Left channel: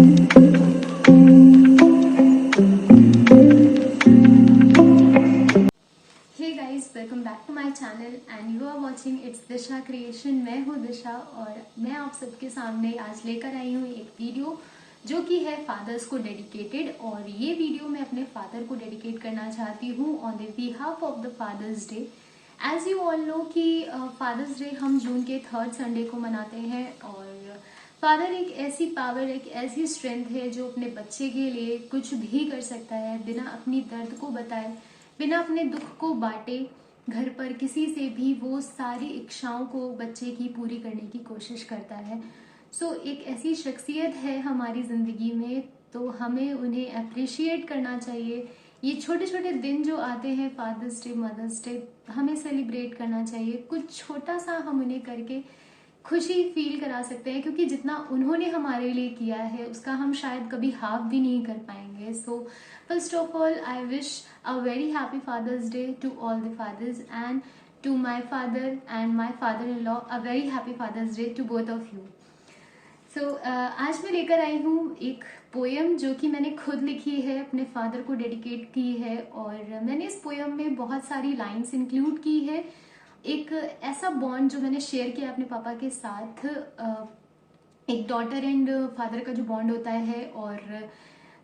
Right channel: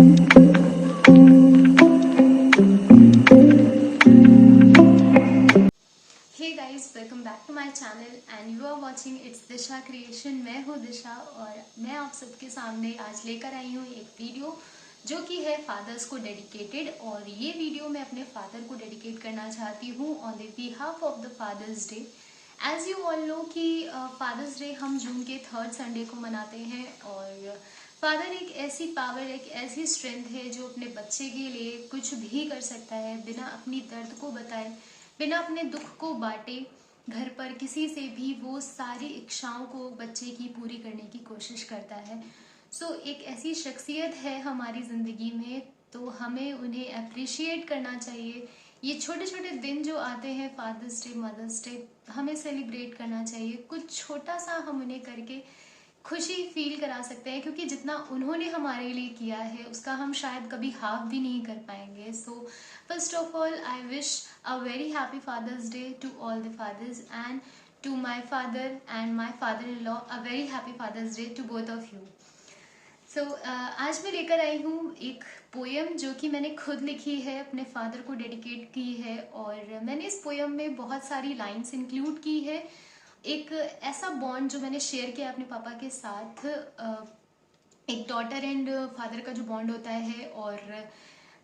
Hey guys, welcome back to my channel and you are watching it's Disha creation. मैं हूँ दिशा और मैं आप सबके सामने आज लेकर आई हूँ एक वीडियो जो कि है फादर्स को डेडिकेटेड। और ये वीडियो मैं अपने फादर को डेडिकेट करना चाहती हूँ on the behalf of the father's day. As you all know कि फादर्स डे हम जून के 3rd संडे को मनाते हैं। और फादर एक ऐसी पावर, एक ऐसी स्ट्रेंथ है जो अपने बच्चे के लिए कुछ भी कर सकता है बिना अपनी दर्द को बताए, बिना अपने दुख को बांटे। घर पर किसी से भी वो सारी इच्छाओं को बच्चे की पूरी करने की कोशिश करता है। सो एक ऐसी शख्सियत है हमारी जिंदगी में, तो हमें उन्हें अप्रिशिएट करना चाहिए। ये छोटे छोटे दिन जो आते हैं, फादर्स डे, मदर्स डे, हमें सेलिब्रेट करना चाहिए। कुछ छोटा सा हम उन्हें करके खुशी फील करा सकते हैं, क्योंकि जितना उन्होंने हमारे लिए किया है उसका हम शायद कभी हाफ भी नहीं कर पाएंगे। So first of all I wish a very happy father's day to all the fathers and to my father and my father in law a very happy father's day to both of you. So आज मैं लेकर आई हूँ एक poem जो कि मैंने खुद लिखी है, अपने फादर को डेडिकेट की है। और मैंने इस पोयम में बहुत सारी लाइंस इंक्लूड की है। एक ऐसा बॉन्ड जो मैंने शेयर किया अपने पापा के साथ, एक डॉटर एंड फादर का जो बॉन्ड होता है। और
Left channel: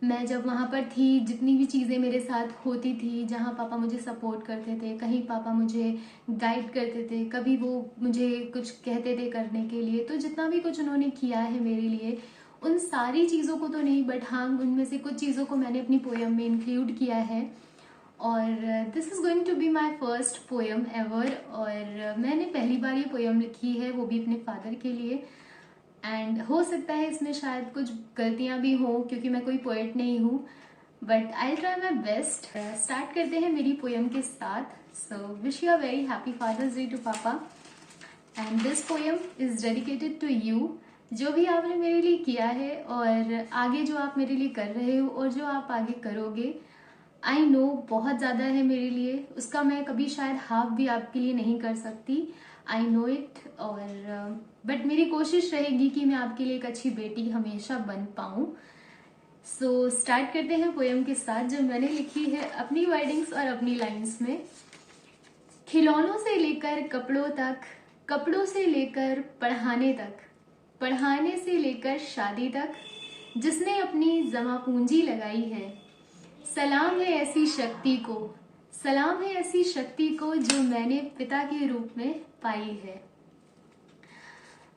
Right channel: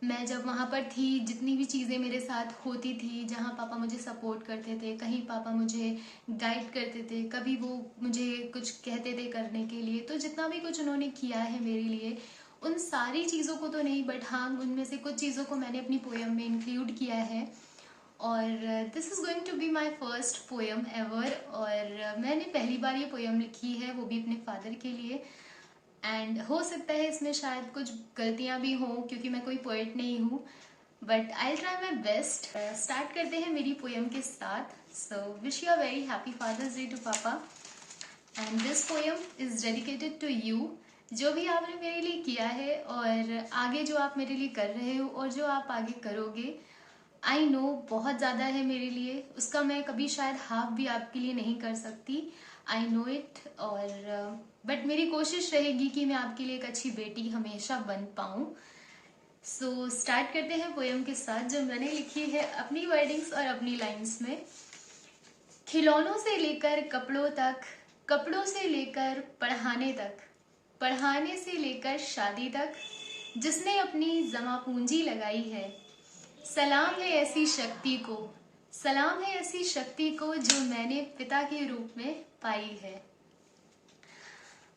मैं जब वहां पर थी, जितनी भी चीजें मेरे साथ होती थी, जहां पापा मुझे सपोर्ट करते थे, कहीं पापा मुझे गाइड करते थे, कभी वो मुझे कुछ कहते थे करने के लिए, तो जितना भी कुछ उन्होंने किया है मेरे लिए, उन सारी चीजों को तो नहीं, बट हाँ उनमें से कुछ चीजों को मैंने अपनी पोयम में इंक्लूड किया है। और this is going to be my first poem ever. और मैंने पहली बार ये पोयम लिखी है, वो भी अपने फादर के लिए। एंड हो सकता है इसमें शायद कुछ गलतियां भी हो, क्योंकि मैं कोई पोएट नहीं हूँ, but I try my best. Start करते हैं मेरी पोयम के साथ। So wish you a very happy father's day to papa and this poem is dedicated to you. जो भी आपने मेरे लिए किया है और आगे जो आप मेरे लिए कर रहे हो और जो आप आगे करोगे, आई नो बहुत ज्यादा है मेरे लिए, उसका मैं कभी शायद हाफ भी आपके लिए नहीं कर सकती। I know it. और बट मेरी कोशिश रहेगी कि मैं आपके लिए एक अच्छी बेटी हमेशा बन पाऊं। सो स्टार्ट करते हैं पोयम के साथ, जो मैंने लिखी है अपनी वर्डिंग्स और अपनी लाइंस में। खिलौनों से लेकर कपड़ों तक, कपड़ों से लेकर पढ़ाने तक, पढ़ाने से लेकर शादी तक, जिसने अपनी जमा पूंजी लगाई है, सलाम है ऐसी शक्ति को, सलाम है ऐसी शक्ति को जो मैंने पिता के रूप में पाई है।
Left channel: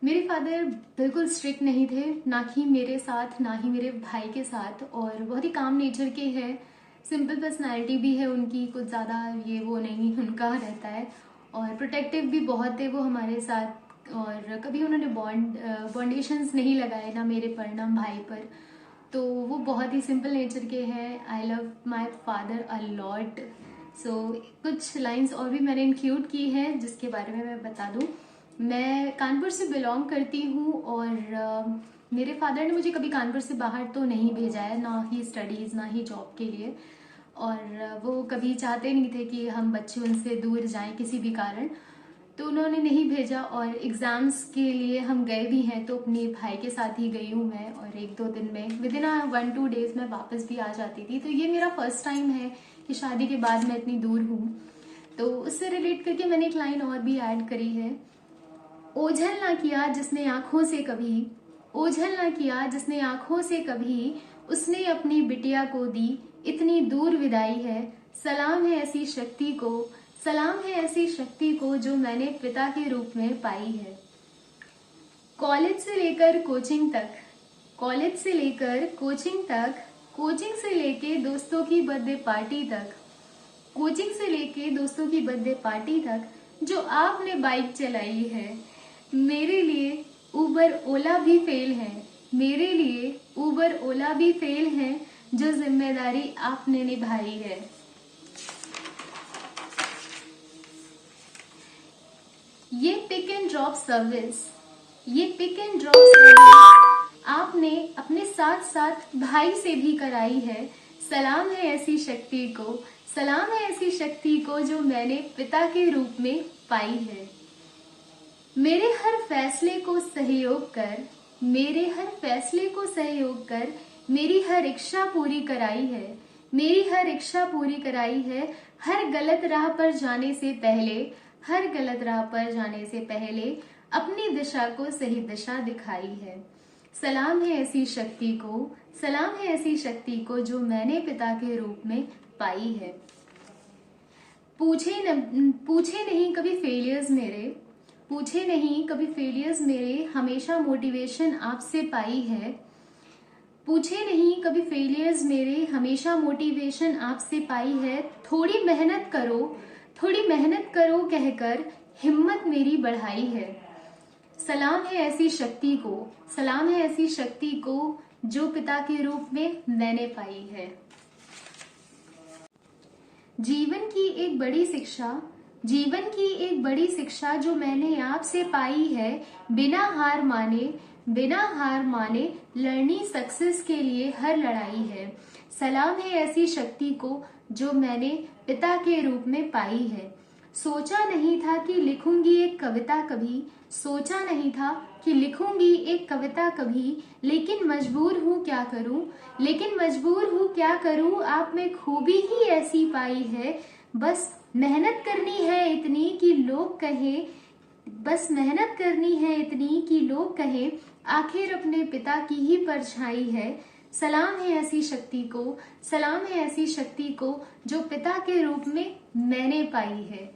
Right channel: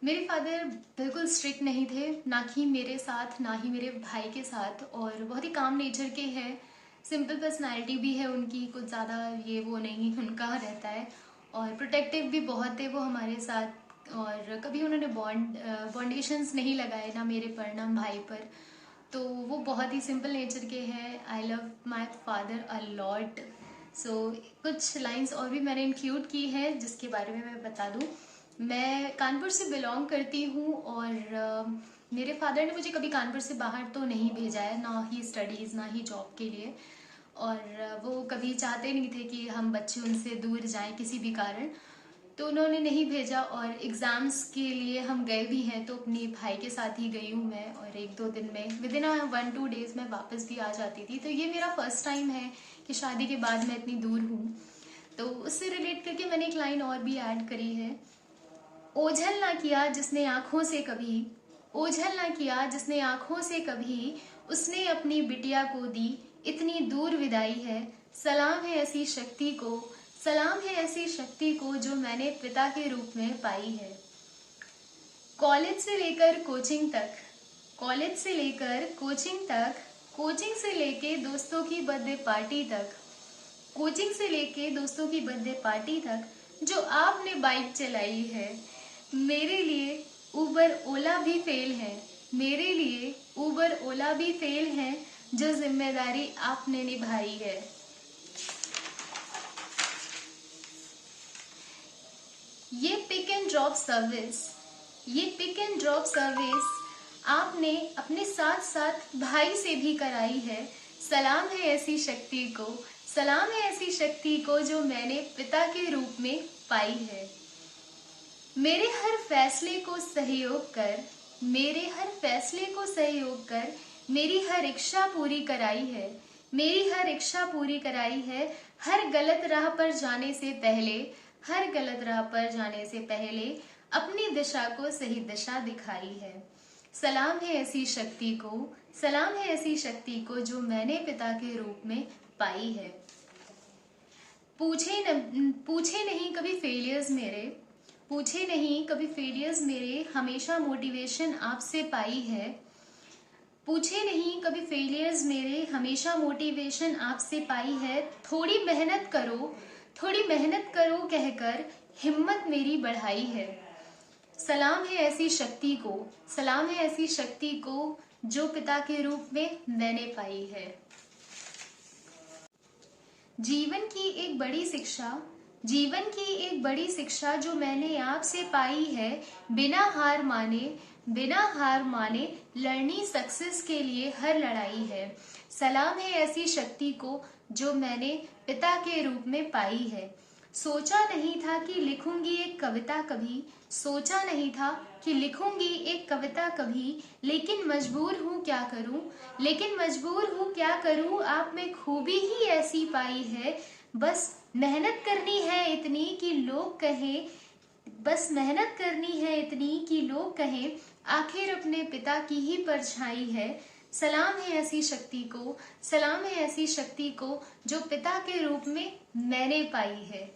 मेरे फादर बिल्कुल स्ट्रिक्ट नहीं थे, ना ही मेरे साथ ना ही मेरे भाई के साथ, और बहुत ही काम नेचर के हैं। सिंपल पर्सनालिटी भी है उनकी, कुछ ज़्यादा ये वो नहीं उनका रहता है। और प्रोटेक्टिव भी बहुत थे वो हमारे साथ। और कभी उन्होंने बॉन्डेशंस नहीं लगाए, ना मेरे पर ना भाई पर। तो वो बहुत ही सिंपल नेचर के हैं। I love my father a lot. So कुछ लाइंस और भी मैंने इंक्लूड की है, जिसके बारे में मैं बता दूं। मैं कानपुर से बिलोंग करती हूँ और मेरे फादर ने मुझे कभी कानपुर से बाहर तो नहीं भेजा है, ना ही स्टडीज ना ही जॉब के लिए। और वो कभी चाहते नहीं थे कि हम बच्चे उनसे दूर जाएं किसी भी कारण, तो उन्होंने नहीं भेजा। और एग्जाम्स के लिए हम गए भी हैं तो अपने भाई के साथ ही गई हूँ मैं, और 1-2 दिन में विद इन 1-2 डेज में वापस भी आ जाती थी। तो ये मेरा फर्स्ट टाइम है कि शादी के बाद मैं इतनी दूर हूँ। तो उससे रिलेट करके मैंने एक लाइन और भी ऐड करी है। ओझल ना किया जिसने आंखों से कभी, ओझल ना किया जिसने आंखों से कभी, उसने अपनी बिटिया को दी इतनी दूर विदाई है। सलाम है ऐसी शक्ति को, सलाम है ऐसी शक्ति को जो मैंने पिता के रूप में पाई है। कॉलेज से लेकर कोचिंग तक, कॉलेज से लेकर कोचिंग तक, कोचिंग से लेके दोस्तों की बर्थडे पार्टी तक, कोचिंग से लेके दोस्तों की बर्थडे पार्टी तक, जो आपने बाइक चलाई है, मेरे लिए उबर ओला भी फेल है, मेरे लिए उबर ओला भी फेल है, जो जिम्मेदारी आपने निभाई है। ये पिक एंड ड्रॉप सर्विस, ये पिक एंड ड्रॉप सर्विस आपने अपने साथ साथ भाई से भी कराई है। सलाम है ऐसी शक्ति को, सलाम है ऐसी शक्ति को जो मैंने पिता के रूप में पाई है। मेरे हर फैसले को सहयोग कर, मेरे हर फैसले को सहयोग कर मेरी हर इच्छा पूरी कराई है, मेरी हर इच्छा पूरी कराई है। हर गलत राह पर जाने से पहले, हर गलत राह पर जाने से पहले अपनी दिशा को सही दिशा दिखाई है। सलाम है ऐसी शक्ति को, सलाम है ऐसी शक्ति को जो मैंने पिता के रूप में पाई है। पूछे नहीं कभी फेलियर्स मेरे, पूछे नहीं कभी फेलियर्स मेरे, हमेशा मोटिवेशन आपसे पाई है। पूछे नहीं कभी फेलियर्स मेरे, हमेशा मोटिवेशन आपसे पाई है। थोड़ी मेहनत करो, थोड़ी मेहनत करो कहकर हिम्मत मेरी बढ़ाई है। सलाम है ऐसी शक्ति को, सलाम है ऐसी शक्ति को जो पिता के रूप में मैंने पाई है। जीवन की एक बड़ी शिक्षा, जीवन की एक बड़ी शिक्षा जो मैंने आपसे पाई है। बिना हार माने, बिना हार माने लड़नी सक्सेस के लिए हर लड़ाई है। सलाम है ऐसी शक्ति को जो मैंने पिता के रूप में पाई है। सोचा नहीं था कि लिखूंगी एक कविता कभी, सोचा नहीं था कि लिखूंगी एक कविता कभी, लेकिन मजबूर हूँ क्या करूँ, लेकिन मजबूर हूँ क्या करूँ। आप में खूबी ही ऐसी पाई है, बस मेहनत करनी है इतनी कि लोग कहें, बस मेहनत करनी है इतनी कि लोग कहें आखिर अपने पिता की ही परछाई है। सलाम है ऐसी शक्ति को, सलाम है ऐसी शक्ति को जो पिता के रूप में मैंने पाई है।